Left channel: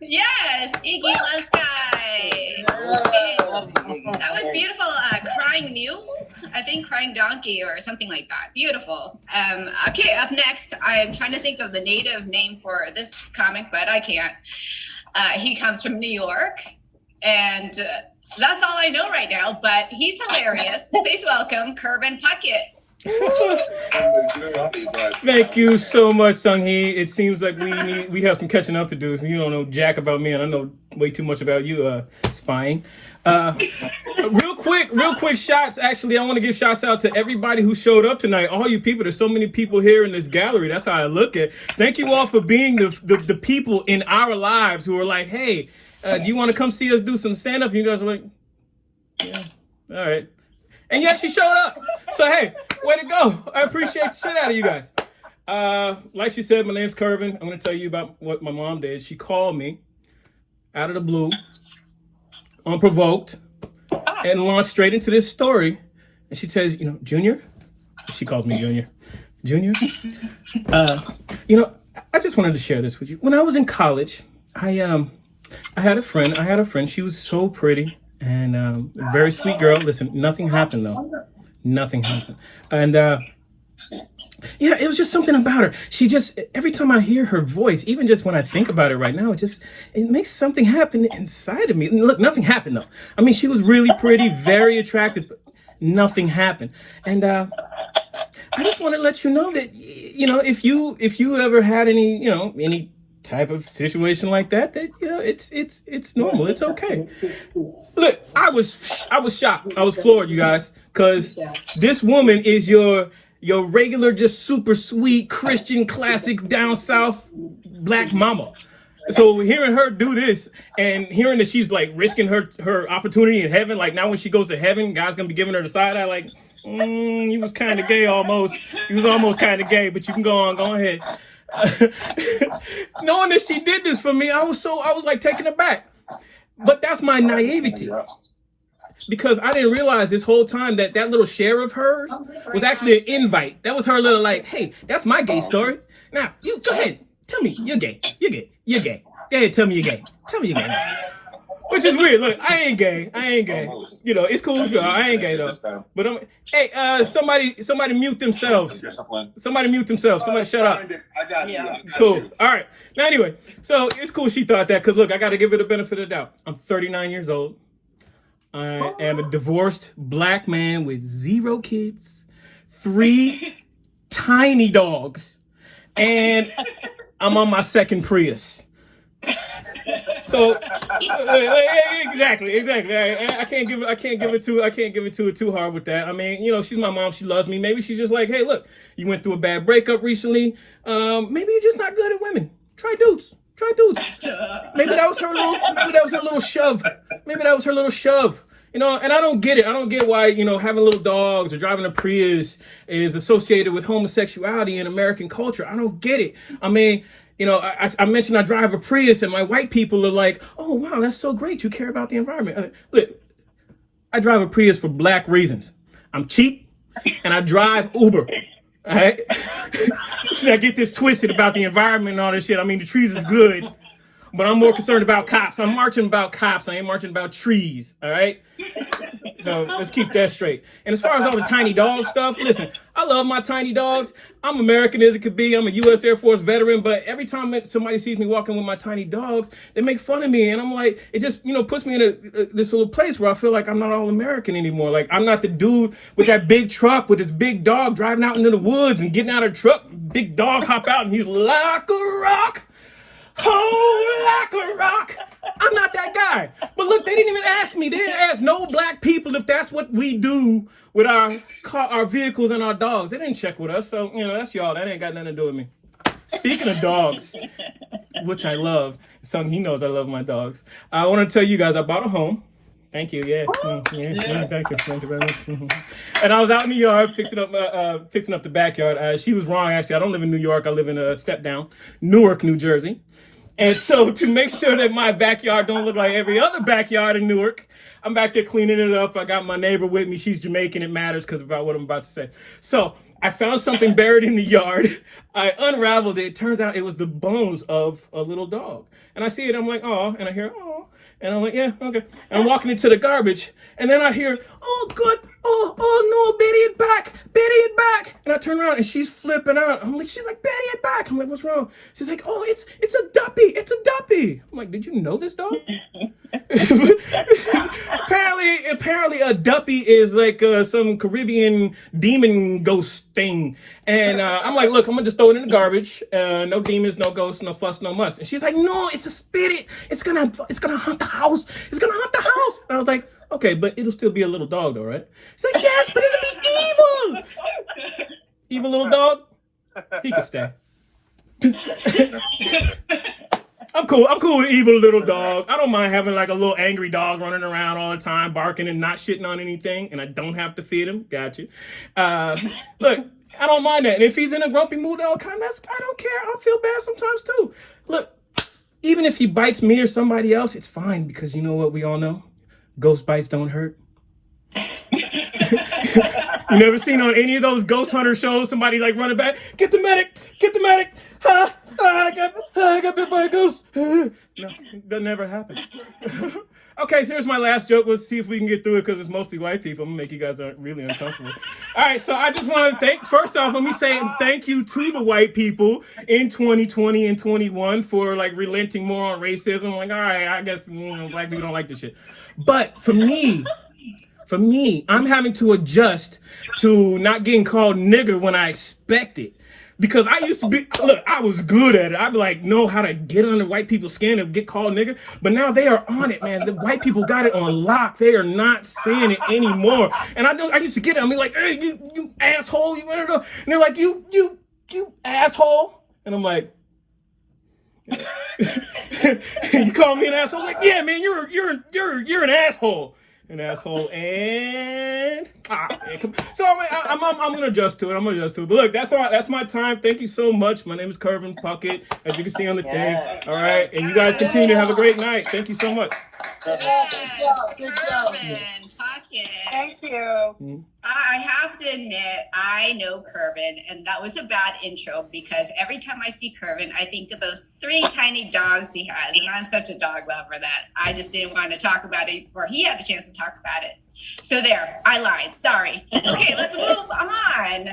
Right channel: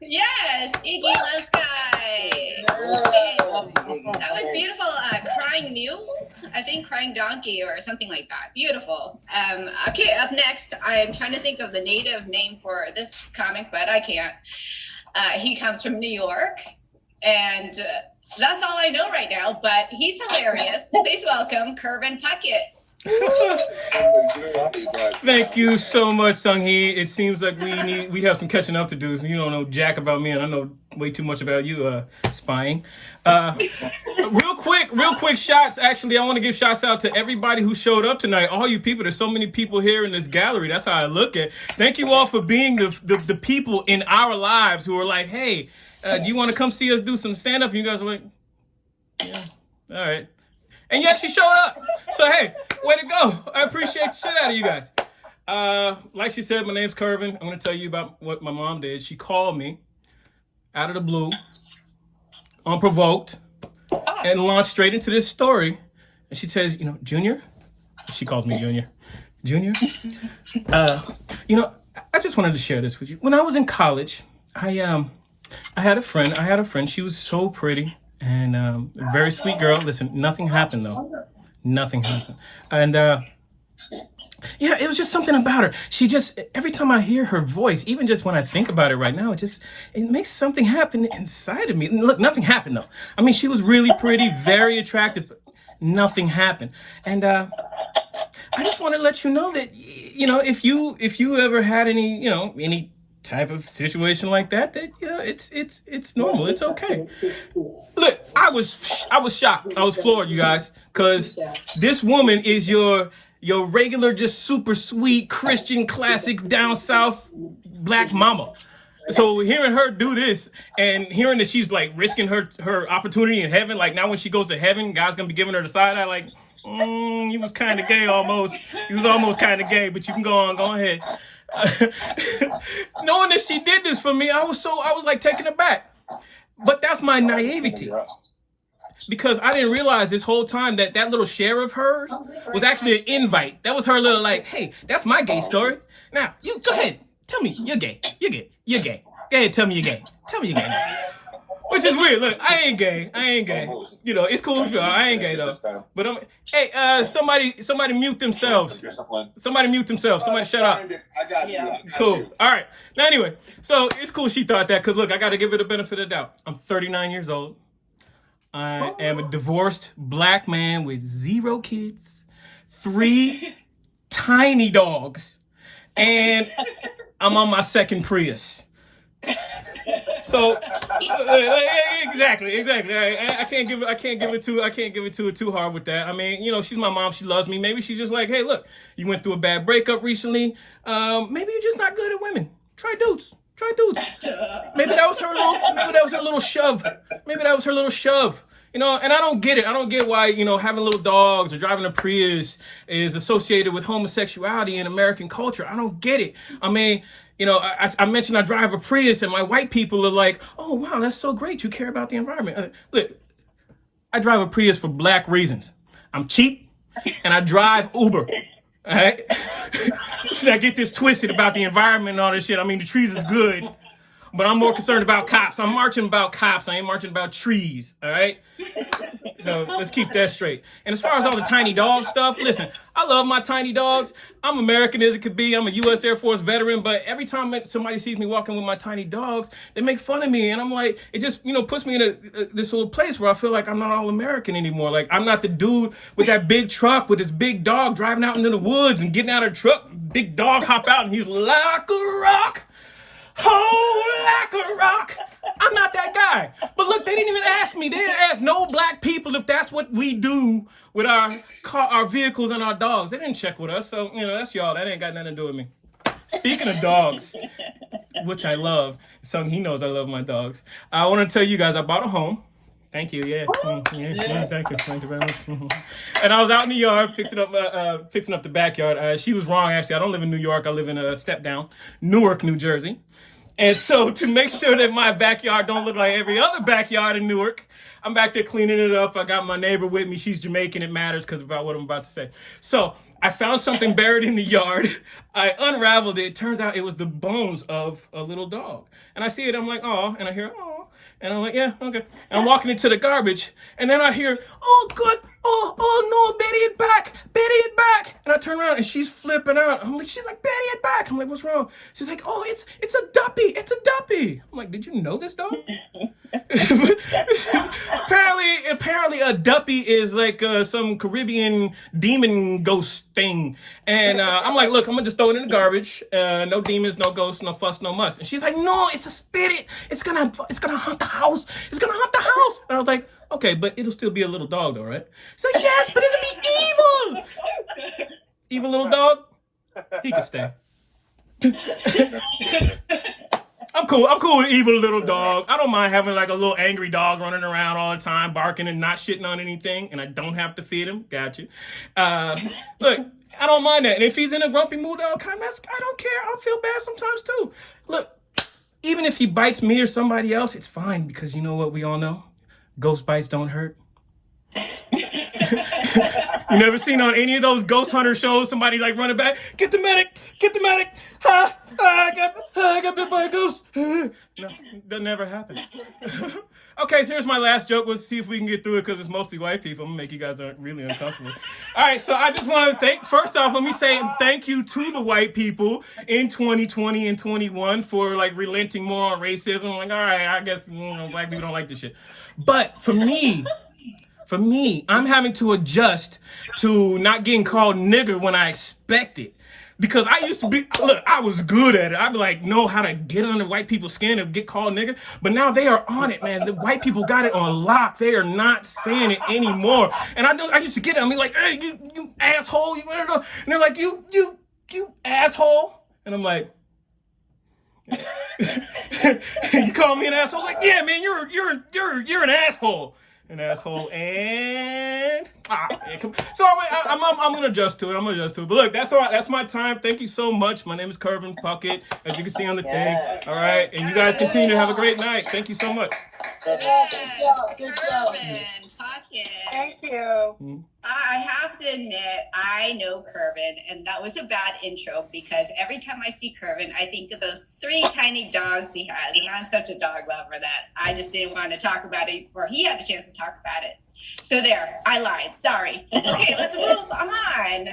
Yes, Iggy Leskai. That was beautiful. Crying Mule, I think Crying Donkey or something like that. Beautiful. Okay, up next, I'm trying to think of the native name for this comic, but I can't. He comes from New York, and that's all I know right now, but he's hilarious. Please welcome Kervin Puckett. Thank you so much, Sung-hee. It seems like we have some catching up to do. You don't know jack about me, and I know way too much about you, spying. Real quick shots. Actually, I want to give shots out to everybody who showed up tonight. All you people. There's so many people here in this gallery. That's how I look at it. Thank you all for being the people in our lives who are like, hey, do you want to come see us do some stand-up? And you guys are like, yeah, all right. And you actually showed up. So, hey, way to go. I appreciate the shit out of you guys. Like she said, my name's Kervin. I'm going to tell you about what my mom did. She called me out of the blue, unprovoked, and launched straight into this story. And she says, Junior, she calls me Junior, I just wanted to share this with you. When I was in college, I had a friend. She was so pretty. And a very sweet girl. Listen, nothing happened though. Nothing happened. And it was just something about her. She just, every time I hear her voice, even just when I think about it right now, it makes something happen inside of me. And look, nothing happened though. I mean, she was really pretty, very attractive, but nothing happened. And I just want to let you know that, if you ever had any type of situation like that it's normal. It's okay. Look, I was shocked. I was floored, you guys, because this woman is your regular, just super sweet Christian classic down south black mama. So hearing her do this and hearing that she's like risking her opportunity in heaven, like now when she goes to heaven, God's gonna be giving her the side eye, like, he was kind of gay almost. He was almost kind of gay, but you can go ahead. Knowing that she did this for me, I was like taken aback. But that's my naivety, because I didn't realize this whole time that little share of hers was actually an invite. That was her little like, hey, that's my gay story. Now you go ahead, tell me you're gay. You're gay. Go ahead, tell me you're gay. Tell me you're gay. Which is weird. Look, I ain't gay. It's cool if I ain't gay though. But somebody mute themselves. Somebody shut up. Cool. All right. Now anyway, so it's cool she thought that, because look, I got to give it a benefit of the doubt. I'm 39 years old. I am a divorced black man with 0 kids, 3 tiny dogs, and I'm on my second Prius. So exactly. I can't give it to her too hard with that. I mean, she's my mom. She loves me. Maybe she's just like, hey, look, you went through a bad breakup recently. Maybe you're just not good at women. Try dudes. Maybe that was her little shove. And I don't get it. I don't get why, having little dogs or driving a Prius is associated with homosexuality in American culture. I don't get it. I mean, I mentioned I drive a Prius, and my white people are like, oh, wow, that's so great. You care about the environment. Look, I drive a Prius for black reasons. I'm cheap, and I drive Uber. All right? So I get this twisted about the environment and all this shit. I mean, the trees is good, but I'm more concerned about cops. I'm marching about cops. I ain't marching about trees. All right? So let's keep that straight. And as far as all the tiny dog stuff, listen, I love my tiny dogs. I'm American as it could be. I'm a U.S. Air Force veteran, but every time somebody sees me walking with my tiny dogs, they make fun of me. And I'm like, it just, puts me in this little place where I feel like I'm not all American anymore. Like, I'm not the dude with that big truck with his big dog driving out into the woods and getting out of the truck. Big dog hop out and he's like a rock. Oh, like a rock. I'm not that guy. But look, they didn't even ask me. They didn't ask no black people if that's what we do with our vehicles and our dogs. They didn't check with us. So, that's y'all. That ain't got nothing to do with me. Speaking of dogs, which I love, he knows I love my dogs. I want to tell you guys, I bought a home. Thank you. Yeah. Thank you very much. And I was out in the yard fixing up the backyard. She was wrong, actually. I don't live in New York. I live in a step down, Newark, New Jersey. And so to make sure that my backyard don't look like every other backyard in Newark, I'm back there cleaning it up. I got my neighbor with me. She's Jamaican. It matters because about what I'm about to say. So I found something buried in the yard. I unraveled it. Turns out it was the bones of a little dog. And I see it. I'm like, oh, and I hear, oh, and I'm like, yeah, okay. And I'm walking into the garbage, and then I hear, oh, good, oh no, Betty it back, Betty it back. And I turn around and she's flipping out. I'm like, she's like, Betty it back. I'm like, what's wrong? She's like, oh, it's a duppy, it's a duppy. I'm like, did you know this dog? apparently a duppy is like some Caribbean demon ghost thing. And I'm like, look, I'm gonna just throw it in the garbage. No demons, no ghosts, no fuss, no muss. And she's like, no, it's a spirit. It's gonna hunt the house. It's gonna hunt the house. And I was like, okay, but it'll still be a little dog though, right? She's like, yes, but it'll be evil. Evil little dog? He could stay. I'm cool with evil little dog. I don't mind having like a little angry dog running around all the time, barking and not shitting on anything, and I don't have to feed him. Got you. Look, I don't mind that. And if he's in a grumpy mood all the time, I don't care. I feel bad sometimes too. Look, even if he bites me or somebody else, it's fine because you know what we all know? Ghost bites don't hurt. You never seen on any of those ghost hunter shows somebody like running back, get the medic, I got bit by a ghost. No, that never happened. Okay, so here's my last joke. Let's see if we can get through it because it's mostly white people. I'm gonna make you guys really uncomfortable. All right, so I just want to first off, let me say thank you to the white people in 2020 and 21 for like relenting more on racism. Like, all right, I guess black people don't like this shit. But for me, I'm having to adjust to not getting called nigger when I expect it. Because I used to I was good at it. I'd be like, know how to get under white people's skin and get called nigger. But now they are on it, man. The white people got it on lock. They are not saying it anymore. And I used to get it. I'm like, hey, you asshole. And they're like, you asshole. And I'm like, you call me an asshole? I'm like, yeah, man, you're an asshole. An asshole, and so I'm gonna adjust to it. But look, that's my time. Thank you so much. My name is Curvin Puckett, as you can see on the thing. All right, and you guys continue to have a great night. Thank you so much. Curvin, Thank you. I have to admit, I know Curvin, and that was a bad intro because every time I see Curvin, I think of those 3 tiny dogs he has, and I'm such a dog lover that I just didn't want to talk about it before he had a chance to talk about it. So there, I lied. Sorry. Okay, let's move on.